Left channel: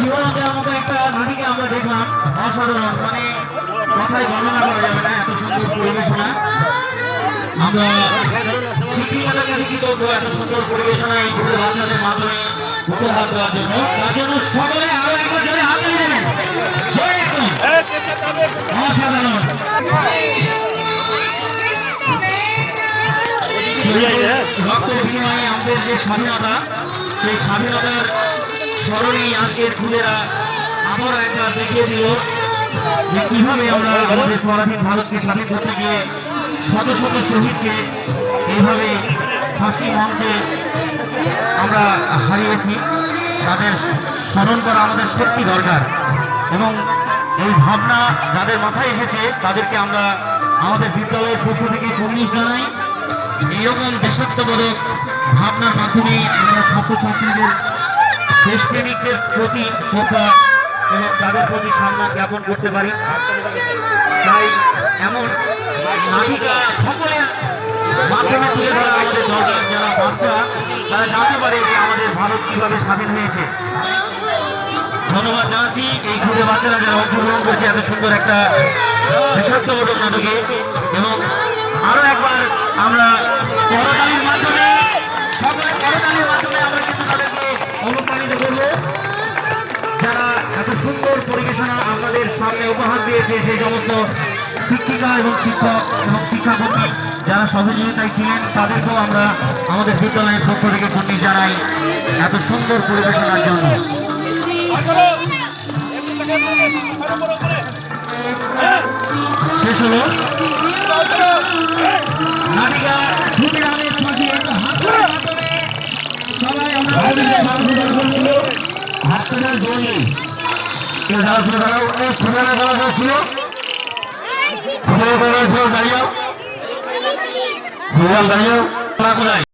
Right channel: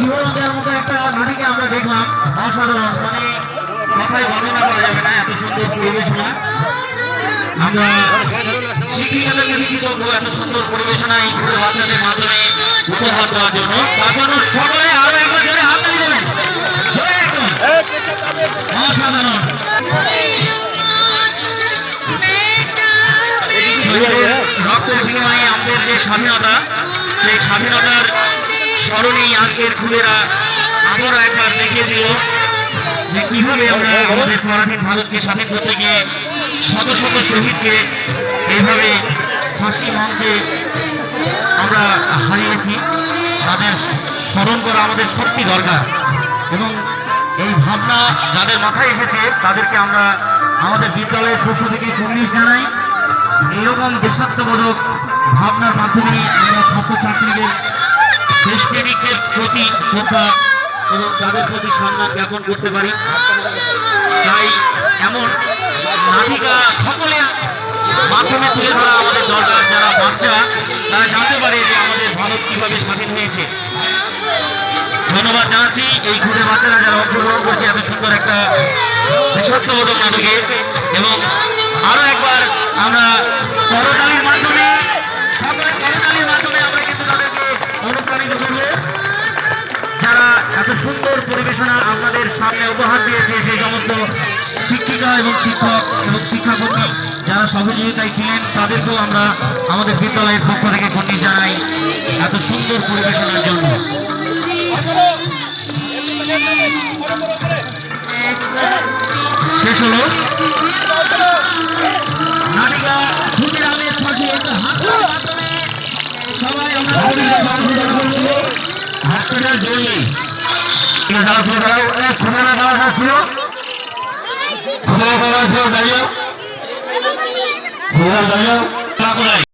শিবরঞ্জনের মতো একটা নারীকে আমরা দেখলাম, অসাধারণ, মানে কথায় বর্ণনা করা যাবে না, এত সুন্দর পরিবেশনা। আমরা শিক্ষিকাদের কাছে কৃতজ্ঞ, এত সুন্দর পরিবেশনা এই দুটো বাচ্চাদের মাধ্যমে উপহার দেওয়ার জন্য। তার জন্য সকলে আরো একবার জোরে হাত তালি দেবেন। অসাধারণ। রক্তের বিনিময়ে আমাদের যে স্বাধীনতা, সেই স্বাধীনতার স্মরণে আজকের ফুলেরা আবারও একবার দেখিয়ে দিল যে কিভাবে আমরা আমাদের পরাধীন ভারতকে স্বাধীন করতে গিয়ে শত শত শহীদকে এইভাবে ফাঁসি মঞ্চে আমরা হারিয়েছি। তাদের স্মরণ করা আমাদের সত্যি দরকার, এবং এই ভাবনা যাদের মাথায় এসেছে তাদেরকে আমরা আমাদের বিদ্যালয়ের পক্ষ থেকে কুর্নিশ জানাই। এইরকম দেশাত্মবোধক ভাবনার মাধ্যমে আমরা ছাত্রছাত্রীদের দেশপ্রেমিকের প্রতি শ্রদ্ধা এবং তাদের প্রতি সম্মান জ্ঞাপন করতে পারি। তাই এমন নাটিকা সকলের মাধ্যমে তুলে ধরা আমাদের দরকার, যারা বাচ্চা তারা জানতে পারে যে আমাদের ভারত কিভাবে স্বাধীন হয়েছে। ধন্যবাদ জানাচ্ছি এই ঘুরে বাচ্চারা যারা অংশগ্রহণ করছে এত সুন্দর একটা দেশাত্মবোধক নাটকে। এবং আরো একবার আমরা করতালির মাধ্যমে আমরা কিন্তু তাদেরকে অনুপ্রাণিত করবো, যারা এত সুন্দর পরিবেশনা আপনাদের সামনে উপহার দিয়েছে। সেই সমস্ত শিক্ষিকা এবং শিক্ষক এবং শিক্ষাকর্মী যারা সহযোগিতায় ছিলেন তাদেরকেও আমরা আমাদের বিদ্যালয়ের পক্ষ থেকে কুর্নিশ জানাই এত সুন্দর পরিবেশনার জন্য। শেষ হলো। প্রার্থীদের জমি ঠিকানা দেওয়া যাচ্ছিল দাঁড়িয়ে দাঁড়িয়ে